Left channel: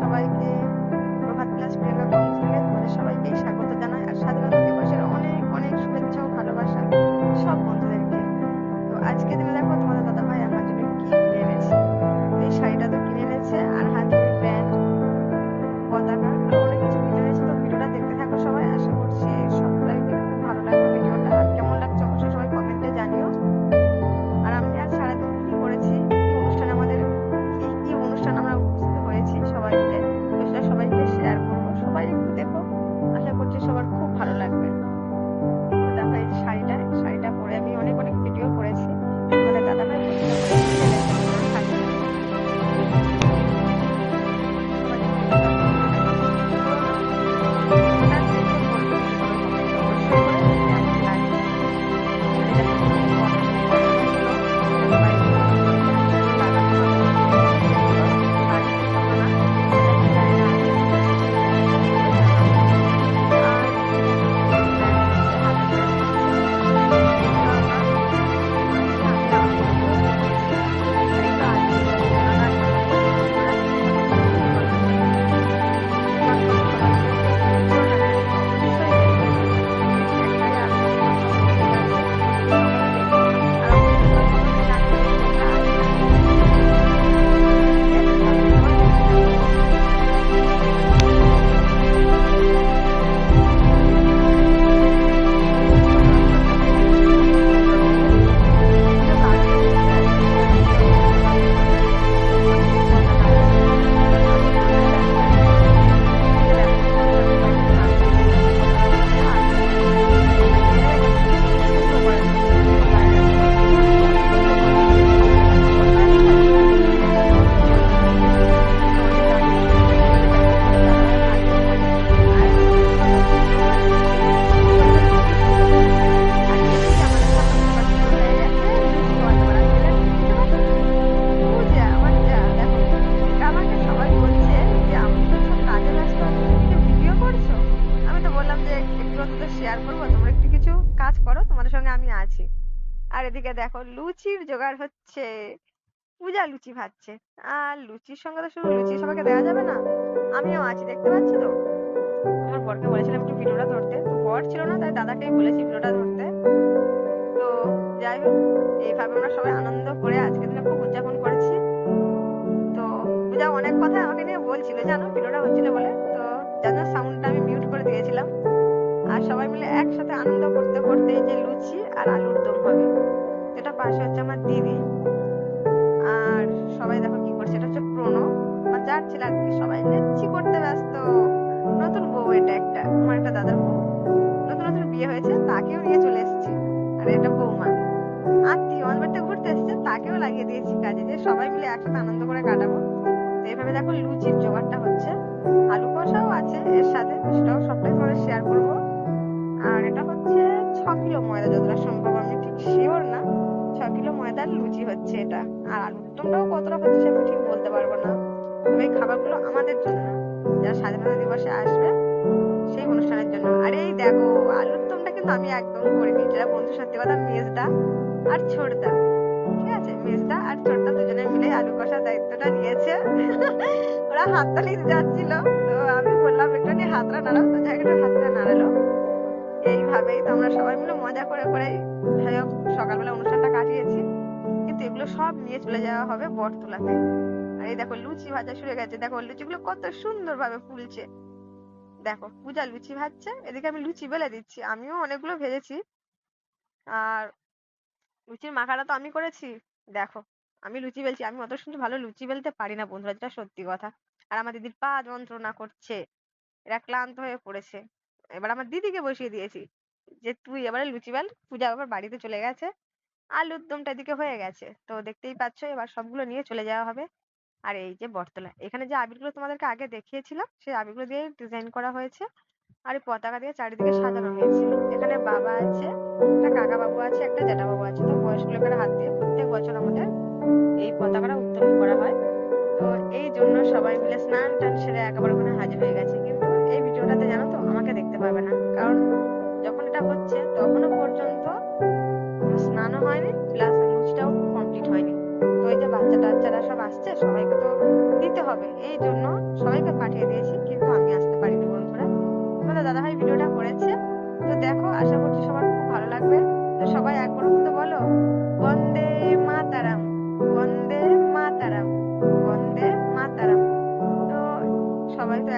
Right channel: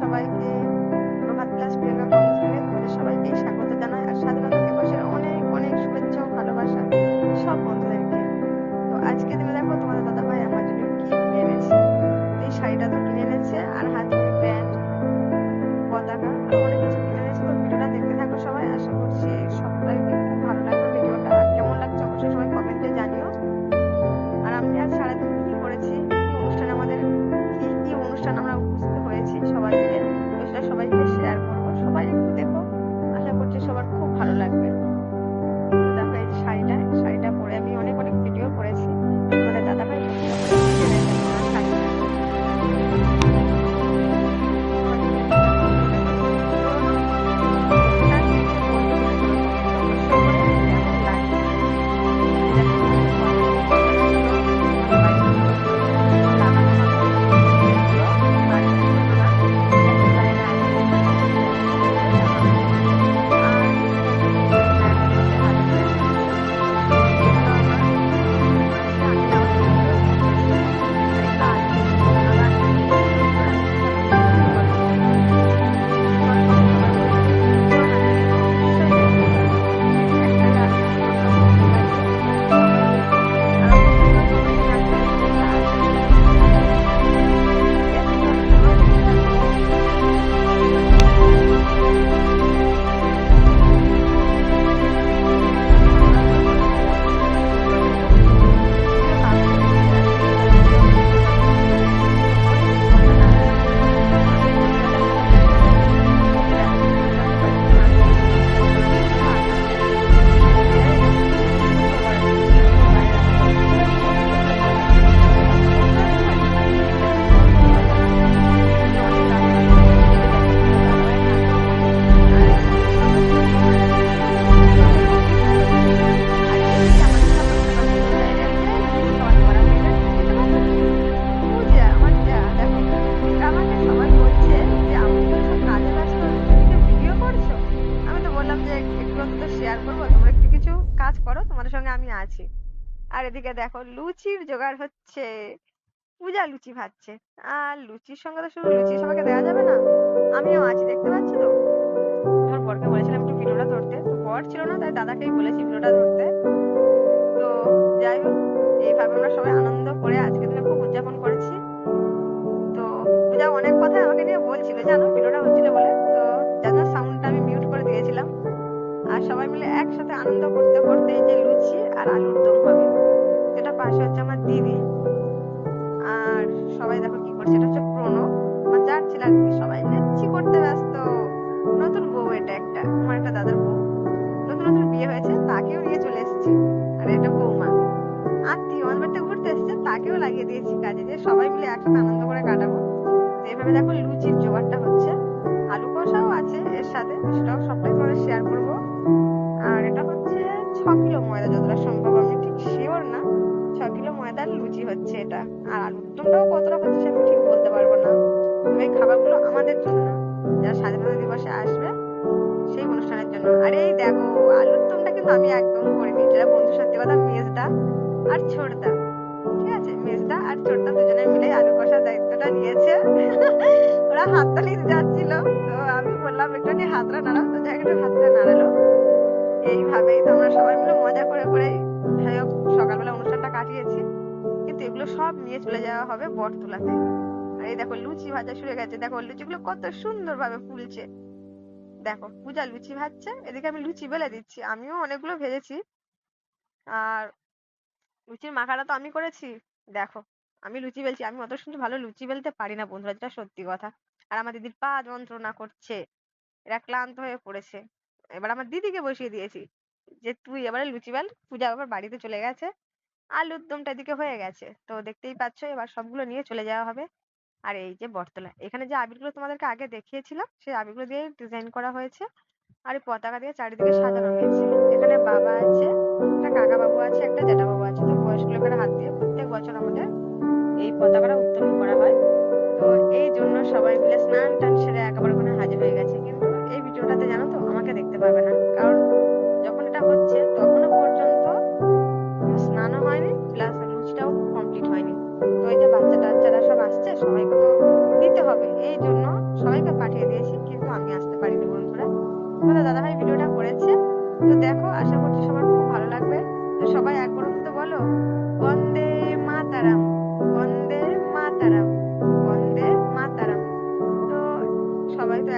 সবাইকে প্রভাত প্লাস প্রিয়াঙ্কা কর্মসূচিতে তোমাদের সবাইকে স্বাগত জানাই। আর স্বাধীনতা দিবসের অনেক অনেক শুভেচ্ছা ও ভালোবাসা সব বন্ধুদেরকে। তো আজকে দিনে দেখো তোমাদের দাদা ভাই আমার জন্য কি এনেছে। এই শাড়িটা তো কিনে এনেছে, আর হাতে প্যান্ট, পতাকা, আর অনেক কিছু কিনে এনেছে। তো ভিডিওটা দেখতে থাকো সবাই। আশা করছি সবাইকে সবার খুব ভালো লাগবে। দেখো এই শাড়িটা শাড়িটা পরে আমি অনেক অনেক ভিডিও করেছি। আমাদের দাদা ভাই পছন্দ আর এদিকে দেখো লুচির জোগাড় হচ্ছে। পূজা লুচি ভাজছে। আর লুচির সঙ্গে তো শুধু লুচি সবাইকে দেওয়া যাবে না, আমিও আছি, দেখতে পাচ্ছ তো? আমার বরকে বলেছিলাম একটু ভিডিওটা ধরতে, তো বর ছিল না, তাই দাদাকেই বলেছি ভিডিওটা ধরতে। তো যাই হোক, এইভাবে আমরা সবাই আনন্দ করে আজকের দিনে খুব উদযাপন করেছি। তো পূজা অনেক কথা আমাকে নিয়ে বলছিল, জানো ভিডিওটা হচ্ছিল বলে। তো যার সাউন্ডটা আমি মিউট করে দিয়েছিলাম। আর সবাই মিলে একসাথে আনন্দ করতে করতে এই যে লুচি আর আলুর দম হবে। যেটা পাশে হচ্ছে আমার দিদি। আর সবাই দেখো কি করছে, এটা হচ্ছে প্রণব। আমার যার ছেলে আর কি, সবাই লেচ্ছি করতে ব্যস্ত। নতুন বউ এটা একটা, আমার একটা দাদার বউ। নতুন নতুন বিয়ে হয়েছে, তাকেও নিয়ে চলে এসেছি। আর এটা বৌমা। আত্মীয় আমার বাড়িতে ঘুরতে এসেছে, তাকেও লাগিয়ে দিয়েছি কাজে, যে সবাই মিলে একসাথে আনন্দ করে কাটাবো। তো এইভাবে দেখো লুচির জোগাড়টা হচ্ছে। সাথে, সেটাও সবটাই তোমাদের শেয়ার করব। আর এটা হচ্ছে ছ কিলো ময়দা, যতটা সম্ভব, আমি ঠিক শিওর না। ছ কিলো ময়দার লুচি হচ্ছে এটা। আর আলুর দমটাও কতটা হচ্ছে আমি ঠিক বলতে পারব না। তবে এই খাবারগুলো আমাদের জন্য, যারা স্বাধীনতা দিবসে আসবে, সেই অনুষ্ঠানের জন্য। আর এই দেখো আলুর দমটা কিন্তু আমি একদম করিনি। যেটা বন্ধু সত্যি কথা, মেজদা আর ছোটদা। ঠিক আছে? আর ছোটদা দুজনে মিলে আলু কষার দায়িত্বটা নিয়েছে। ওরা হাততালি দিতে যাচ্ছিল। তো আমি বললাম একটুখানি হাতটা নাড়াও। তো একটু হাতটা নাড়ালো। এইভাবেই তো আমরা সবাই মিলে মজা করে করে যাই হোক, সকালবেলা অনুষ্ঠানটা কাটিয়েছি। কিন্তু এগুলো সব নিয়ে চলে যাওয়া হবে বটতলাতে। আর এই দেখো, লুচি ভাজা শুরু গেছে। দেখো, লুচিগুলো কত সুন্দর ভাবে ফুলছে। দেখো, পূজা লুচি ভাজছে। এদিকে আমি লুচি বেলে দিচ্ছি। আমিও অনেকগুলো ভেজেছি। আর লুচির মাখাটা তো আমি করেছি। দেখো আমি লুচি বেলছি, আমি অত সুন্দর ভালো লুচি বেলতে পারি না বন্ধুরা, যেটা সত্যি কথা। আর আমার দিদির পা যন্ত্রণা করছে, এরা ক্লান্ত হয়ে পড়েছে। এবার আমার দিদিকে বসিয়ে দিয়েছি যে, তুই এবারে লুচি বেল, পূজা আবার বাড়িতে চলে গেছে, আলুর দমটা এদিকে হয়ে গেছে। তো দেখতেই পাচ্ছ, এবার সবগুলো নিয়ে চলে যাওয়া হবে। আর এই যে বটতলা, এখানে যে আবিরগুলো তোমাদেরকে আগে দেখিয়েছিলাম, সেই আবিরগুলো দিয়ে ডিজাইন করা হয়েছে। আর এই পতাকা দিয়ে চারিদিকে সাজানো হয়েছে। এখানে বাবা আছে, একটা কাকা বাবু আছে, একটা জ্যাঠা বাবু আছে। তো বয়স্ক লোকেরা হাত দিয়ে প্রত্যেক বছর আমাদের এই পতাকাটা উত্তোলন করা হয়। তো এই জন্য সবাই মিলে স্নান টান সেরে একেবারে ওখানে হাজির হয়ে গেছে। কিন্তু এই ভিডিওটাতে জানো তো, আমাকে দেখতে পাবে না। কারণ যখন এটা হচ্ছে তখনও পর্যন্ত স্নানও হয়নি, প্লাস লুচিটাও কমপ্লিট হয়নি। তো এই যে বাচ্চা টাচ্চারা সব আসছে, সবাইকে তো দিতে হবে। এই জন্য সবাইকে পাঠিয়ে দিয়েছি, কিন্তু আমি আসতে পারিনি বন্ধুরা। তোমাদের দাদাভাই ভিডিওটা করেছে। তো দেখো, আশা করছি সবার খুব ভালো লাগবে। তো সবাই একবার তো বলো, বন্দে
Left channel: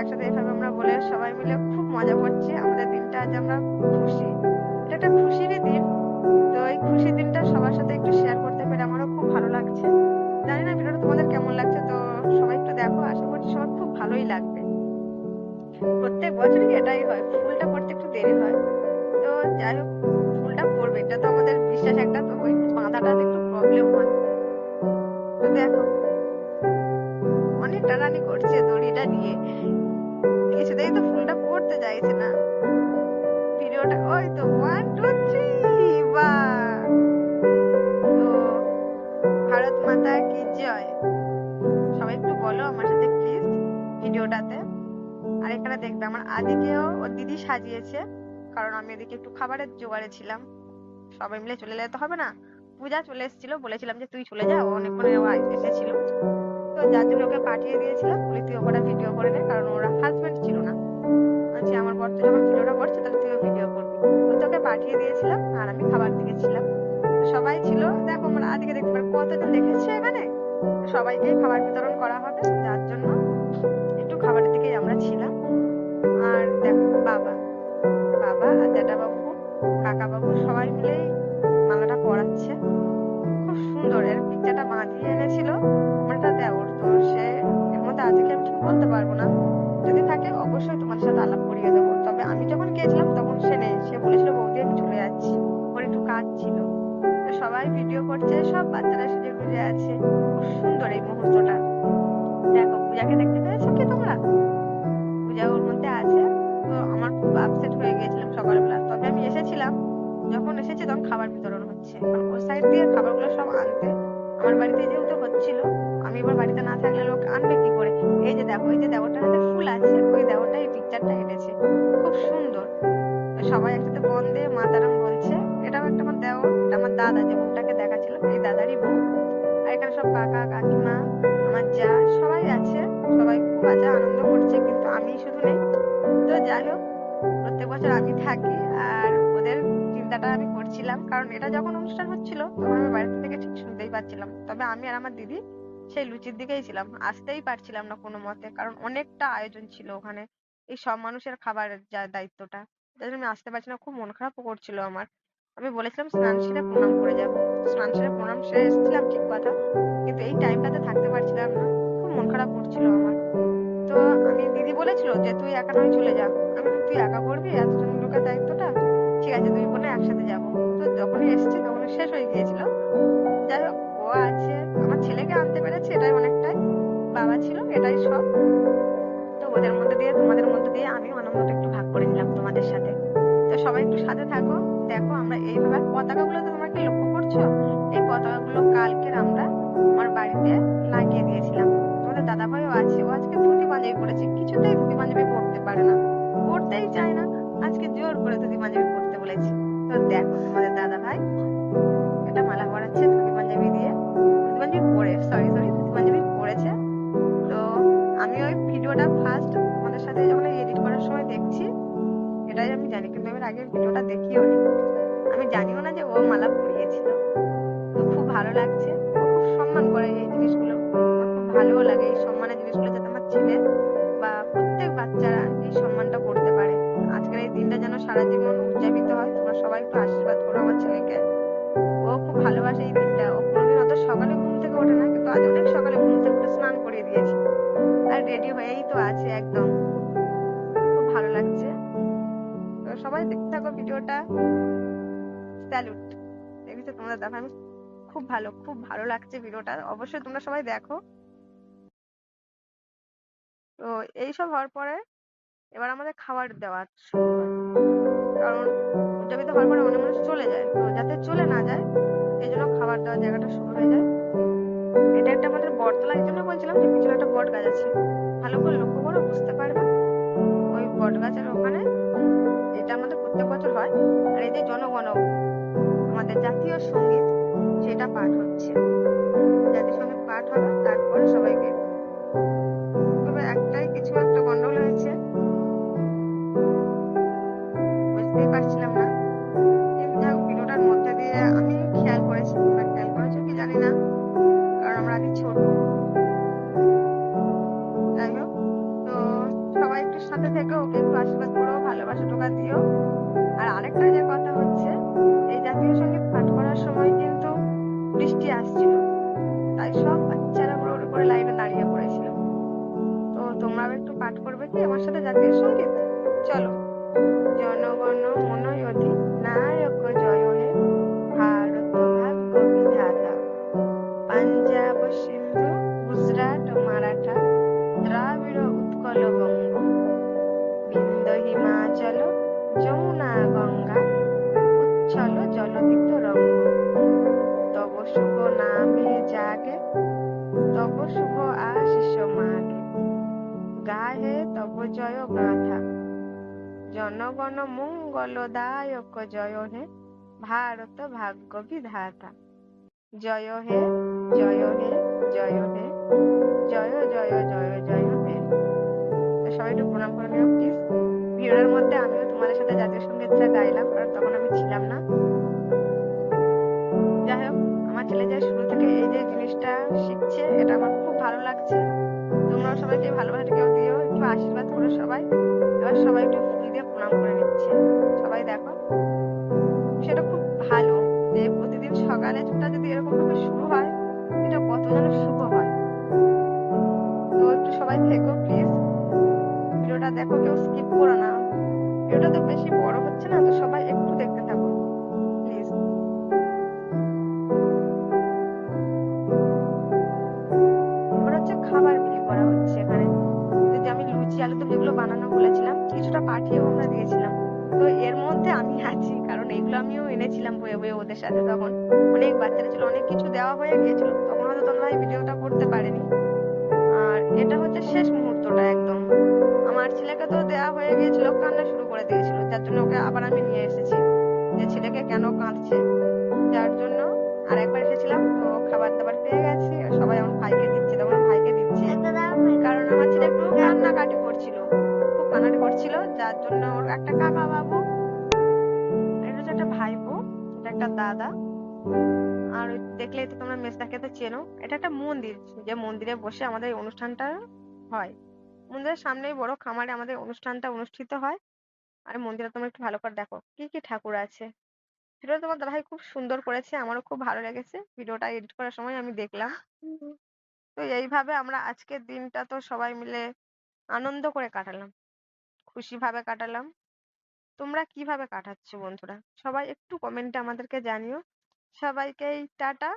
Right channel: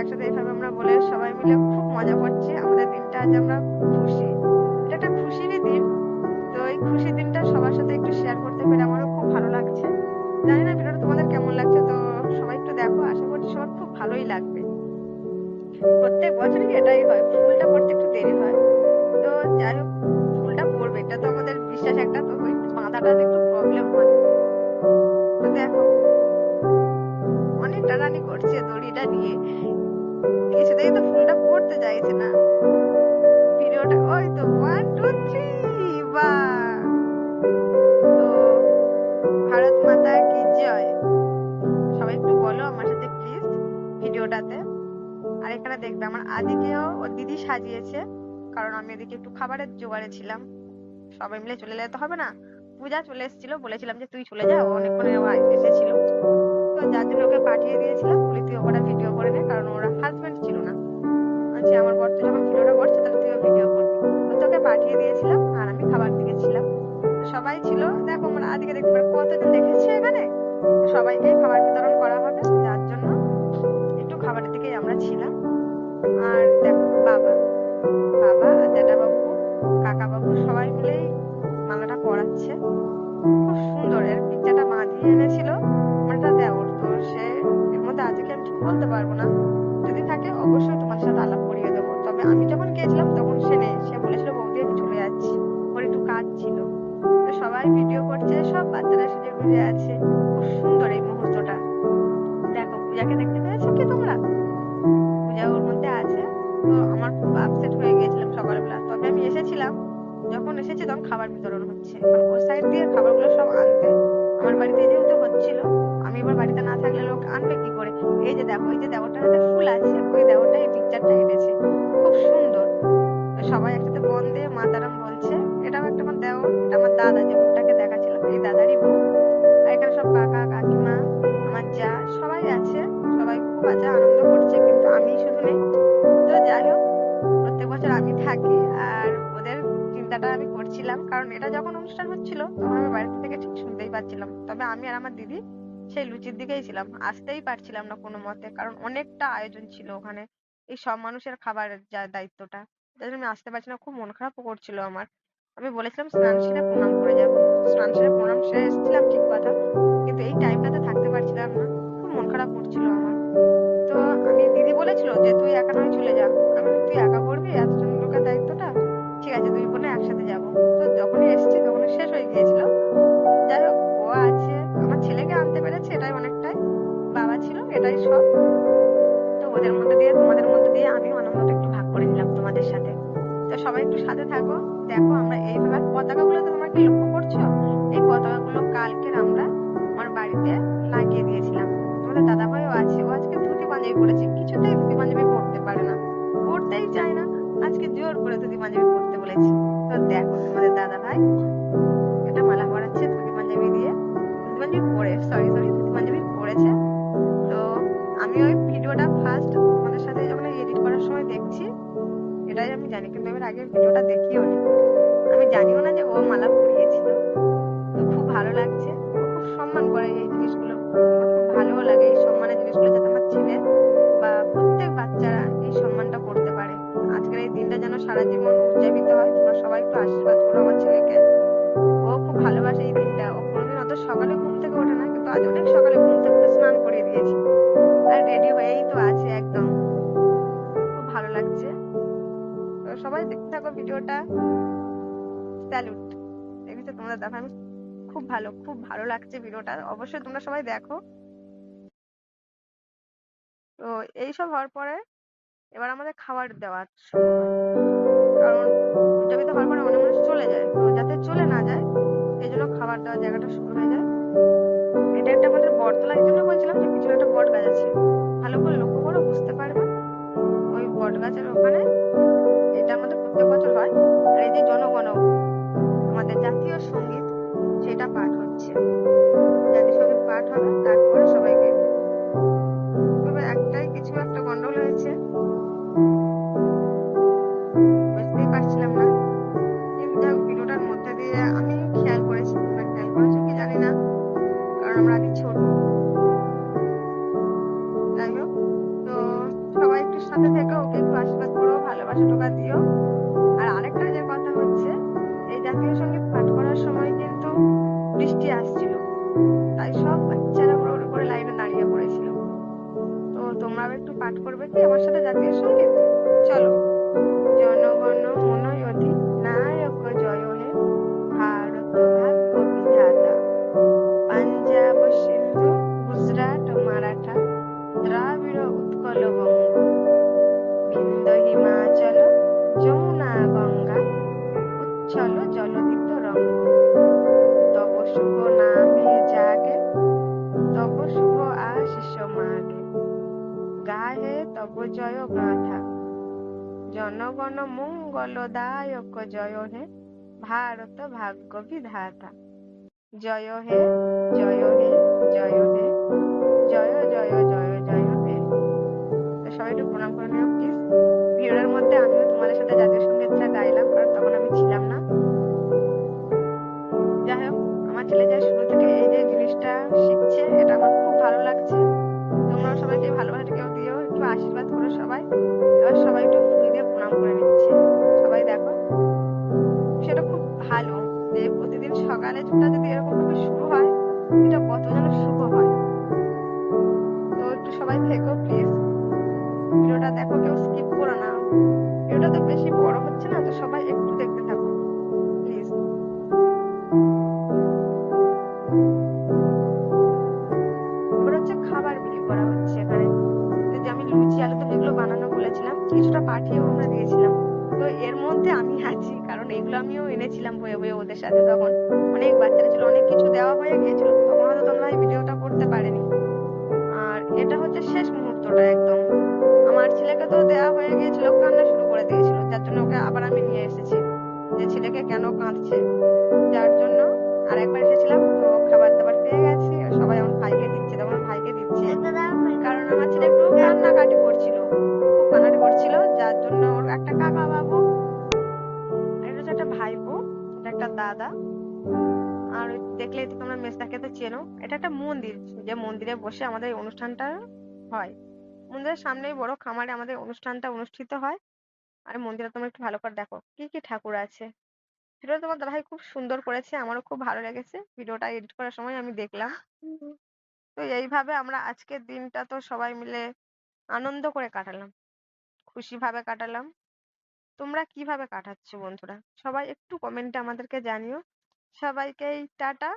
একসাথে এভাবে আমরা বলে সবাই মিলে খুব মজা করছি। আমাদের দিনটা আজ আমরা খুশি। এটা একটা খুশিরই দিন। তো এই খুশির দিনটা সবার সাথে একটু শেয়ার করতে পেরে আমারও খুব ভালো লাগছে। জানি না ভিডিওটা তোমাদের কেমন লাগছে, তো সবাই একটু দেখো। আশা করছি সবার খুব ভালোই লাগবে। প্রত্যেক বছরই এটাই হয়? ফুলটা পড়তে একটু দেরি হয়। তো যাই হোক, ফুলটা পড়বে। এটা তো আমাদের বিশ্বাস একটা, তো ওই বাঁধাটাতে একটু প্রবলেম হয়। তো দেখো। অনেক টানানি করছে দড়িটা নিয়ে। কিছুতেই তো ফুলটা পড়তে চাইছে না। ভিডিওটা, ওই তো ওয়ান টু থ্রি বা। তো ভারত মাতা কি জয়? সবাই একটু বলো আমার সাথে প্লিজ ভিডিওটাতে। আর এখানে দেখবে, আমার আদিকেও ওর দিদি সাজিয়েছে। কারণ আমি এদিকে একটু খাবারের জোগাড়ে ছিলাম। সবাই মিলে চলে যেতে হবে না? পূজা চলে এসেছিল, বলেছিলাম যে তুই চলে যা অনেকক্ষণ এসেছিল। তো যার জন্য ওকে পাঠিয়ে দিয়েছিলাম, বলি তুই ওটা ভিডিও করে নে, কারণ ওরা হাজবেন্ড ছিল না। বলছি, আমার বর তো যখন ভিডিওটা করছে, তাহলে তুইও ভিডিও করবি। তো তোকে পাঠিয়ে দিয়েছিলাম, আর আমি খাবার দিকে ছিলাম। সবাই ছিল, দেখো আমার আদিকে দেখতে পারো কতজন দেখেছে এখানে। সবাইকে খাবার বিতরণ করা হবে, যার জন্য একটু খাবারের দিকেই আমরা ছিলাম। আর দেখো, বাবা সাথে আলাপ করিয়ে দেবো। তবে আমি যখন গিয়েছিলাম, তখন সে নেই। সে বলেছিল, বৌদি, আমি চলে যাচ্ছি। ওর একটু কাজ ছিল। তো সবাই ভিডিও করছে, সব বাচ্চারা সেজে গুজে আছে। খুব সুন্দর এই মুহূর্তটা। দেখো, পূজাকে দেখতে পেয়েছ কি তোমরা? পূজা ওর মধ্যে আছে। তো আমার খুব আপসেট হয়ে গিয়েছিলাম সকালবেলা। তবে আমি এসেছিলাম। যখন এসেছি, তখন খাবার বিতরণ হচ্ছে। কারণ ওই সাইড দিয়ে খাবারগুলো সব আনতে। আমার বাড়িতে যেহেতু হচ্ছিল, আমি এবার বাড়িতে না থাকলে লোক আনবে কি করে? এই যে দেখো, এই যে দেওয়ারটার হাতে ফুল আছে, ওই দেওয়ারটা এই পিকচারটা এনেছে খুব সুন্দর। সবাই একসাথে বন্দে মাতারাম বলছে, এটাও একটা আমার দেওর, এটা আমার দাদা যে মুখটাকে দেখাচ্ছিল, এই দাদারই বউ। আর এখানে সব কাকা, কাকিমা, আমার যা, সবাই আছে, সবাই খুব আছে, আনন্দ করছে, কিন্তু আমি শুধু নেই। তো যাই হোক, প্রত্যেক বছর আমি থাকি, আর চিন্তাটা আমি করছিলাম, কারণ এটা যখন অনুষ্ঠান হচ্ছিল, তখন আমি বাড়িতে থেকে ঠিক শুনতেই পাচ্ছিলাম। তবে আমি আর আমার দিদি সেই লুচির দিকেই ছিলাম, আসতেই পারছিলাম না কোনো মতে, কারণ অনেকটা আয়োজন ছিল ওখানে, এই সব মানুষের খাবারের যা দায়িত্বটা। তাই জন্য আমি আসতে পারছি না, খুব মন খারাপও করছিল আমার। আমি বলেছিলাম, স্নান সেরে প্রণাম করে যাব। স্নান সেরে প্রণাম সেরে এসেছিলাম ঠিক কথা, কিন্তু এই টাইমটাতে থাকতে পারছিলাম না, খুব মন খারাপ করছিল আমার। তো আমি, দিদি বলেছিল যে, তুই একা নয় চলে যা। আমি তুই একা করবি? এতজন লোকের দায়িত্বটা? ঠিক আছে, দুই বোনে একসাথে যাব। তো যখনই এসেছি তখন শেষ হয়ে গিয়েছিল। যাই হোক, ও আছে। আমার ছেলেকে আনতে পেরেছে, এটাই অনেকটাই। বাবা ছিল, এটাই সব। তো ওদের মধ্যে দিয়ে, তোমাদের মধ্যে দিয়ে আমিও আনন্দটা একটু ভাগ করে নিলাম তোমাদের সাথে। তো সবাই একটু সাথে থাকো। দেখো আমরা এইভাবে পতাকা গুলো তো তোমরা কি লক্ষ্য করছ? এই পতাকা গুলো কালকে আমরা আমার বাড়িতে লাগিয়ে দিয়েছিলাম। তোমাদের দাদা ভাইও আছে, ও আজকে ধুতি পাঞ্জাবি পরেছে কিছুতেই ধুতি পাঞ্জাবি পরতে পারে না। পরতেই চায় না। আজকে জোর করে ধুতি পাঞ্জাবি পরতে বলেছি। তো দেখো তোমাদের দাদা ভাই এটা মালা পরাচ্ছে ধুতি পাঞ্জাবি দিয়ে। ধুতি পাঞ্জাবি পরে সরি সরি ধুতি পাঞ্জাবি পরেছে। তো আমি ওই ভিডিওটা ফার্স্ট তোমাদের সাথে যখন এডিট করার সময় দেখছি, এটাই আমি জানি, কিন্তু এবার আগে ভিডিওটা দেখিও নি। আমি জানিও না যে ও মালা পরিয়েছিল। তো খুব ভালো লাগছে, ও খুব সম্মান করে এই জিনিসগুলো। খুব ভালোও লাগে এই সম্মানের জিনিসগুলো যাতে আমার ছেলে বা প্রত্যেক বাচ্চারা এই সম্মানটা করতে যেন সারা জীবন উদযাপিত হয়। তোমরা সবাই একটু আশীর্বাদ করো আমার ছেলেকে। ও খুব ভালোবাসে এই দিনটা। ও কোনোদিন অত সকালে ঘুম থেকে ওঠে না, কিন্তু আজ অনেক সকালে ঘুম থেকে উঠে স্নান করিয়ে দিয়েছি। আর রেডি হয়েই তো আছে একদম। খুব ভালো লাগছে। সবাই দেখতে থাকো ভিডিওটা। স্যালুট। দেখেছ তোমরা? দেখো, আমি খুব ভালো খুব ভালো লাগছে ভিডিওটা। অবশ্যই তোমরা সবাই দেখো। তো এইসব হওয়ার পরে এবার আমাদের খাবার দেওয়ার শুরু হয়। কারণ উদযাপিত হওয়ার পরে অনেক মানুষ চলে যায়। তো যাতে চলে না যায় এই জন্য খাবার দেওয়ার জায়গাটা শুরু হয়ে যায়। এটা একটা আমাদের বটতলা এই জন্য বলছিলাম যে পিছনে একটা বট গাছ আছে। ভালো করে লক্ষ্য করো, বুঝতে পারবে। ওই বট গাছের ওখানে এটা আমাদের প্রত্যেক বছর হয়। আর এই যে জনগণ, আমাদের জাতীয় সংগীত সেটা পাঠ হচ্ছে। জাতীয় সংগীত পাঠ হবে, তারপরে থেকো ওকে একটু আশীর্বাদ করো, ভালোবাসা টোকা দিও। আর আরেকটা যে কথা হচ্ছে, এই জাতীয় সংগীত পাঠ করার সময় কিন্তু বৃষ্টি আসছিল। তাই সব বাচ্চারা পুরো উড়ে পড়ে লাইনে দাঁড়িয়ে পড়েছিল। তো তোমরাও একটু পাঠ করবে কি আমার সাথে জাতীয় সংগীত? চলো। জনগণ মন নায়ক জয় হে জয় গাথা জনগণ মঙ্গলদায়ক জয় হে ভারত ভাগ্য বিধাতা জয় হে জয় হে জয় হে, জয় জয় জয় জয় হে। সবাই একটু প্রণাম করে নিও প্লিজ ভিডিওর মধ্যে আমিও তোমাদের সাথে জাতীয় সঙ্গীতটা গাইলাম, কারণ তখন আমি ছিলাম না। যাই হোক, আমার ছেলে যা শুরু থেকে এই যে জিনিসটা শিখছে, এটা আমার খুব ভালো লাগছে। তোমরাও সবাইকে ভালোবাসা কেউ দিও, একটু আশীর্বাদ করো সবাই। এবার সবাই একটু ফুল দিয়ে প্রণাম করে নিচ্ছে। সবাই দেখো, সেটা খুব ভালো যে প্রতিদিন সকালে ছোটা যদি এরকম ভাবে শুরু হয়, এটা কত যেন শুভ হয়? তো একটু সবাই থেকো প্লিজ ভিডিওটা দেখো, কেউ স্কিপ করো না। ভিডিওটা তো বেশি বড় হচ্ছে না, তো সবাই বানানো বলেছিলাম, কিছুটা পাঠিয়েও আমরা দিয়েছিলাম। তো এর মধ্যে আমি আছি, কারণ এগুলো আমিও এনেছিলাম বয়ে বয়ে ওদের সাথে তখন। অনেক বাচ্চারা ছিল, অনেক কিছু দেওয়া হয়ে গিয়েছিল। তখন হয়তো তোমরা এই ভিডিওটা করতে পারেনি। আর এটা হচ্ছে শেষ মুহূর্তটা একদম। আমার ছেলেকে তো দেওয়া হয়ে গিয়েছিল, কান্না শুরু করে দিয়েছিল। যার জন্য ওকে আবার আমি নিয়ে এসেছি। যে ছেলেকে কেন কাঁদছে? যার জন্য আর একবার এসেছিলাম, তো খাবার দাবার পেয়ে গেছি। সবাই আমার ভাইকে দিচ্ছে, তখন ভাইকে দিচ্ছে। কারণ আমার ছেলে একটু কান্নাকাটি করছিল। খুব করছিল যার জন্য ওর একটা কাকা বাবু আর এটা হচ্ছে একটা ভাইপো এটা একটা দাদা। আর তো তোমরা মেজদাকে তো চেনো এটা একটা মন্দির যে মন্দিরে বসে আমাদের অনুষ্ঠানটা হয়। মন্দিরের সামনেই বড় খামারে আমাদের অনুষ্ঠানটা অনুষ্ঠিত হয়। আর মন্দিরে তোমরা একটু ভালো করে দেখো কি কি ঠাকুর আছে। ভিডিওটা তোমার দাদাভাই খুব সুন্দর করেছে আমারও খুব ভালো লেগেছে। ভিডিওটা এডিট করার সময় আমি দেখলাম। তো এইভাবে আমরা আজকের দিনটা তো সবাই মিলে আনন্দ করে কাটালাম। খুশি ভাবে কাটালাম। তোমরা কীভাবে কাটাচ্ছ বন্ধুরা? সবাই একটু কমেন্টে আমাদেরকে জানিও। সবাইকেই টাটা।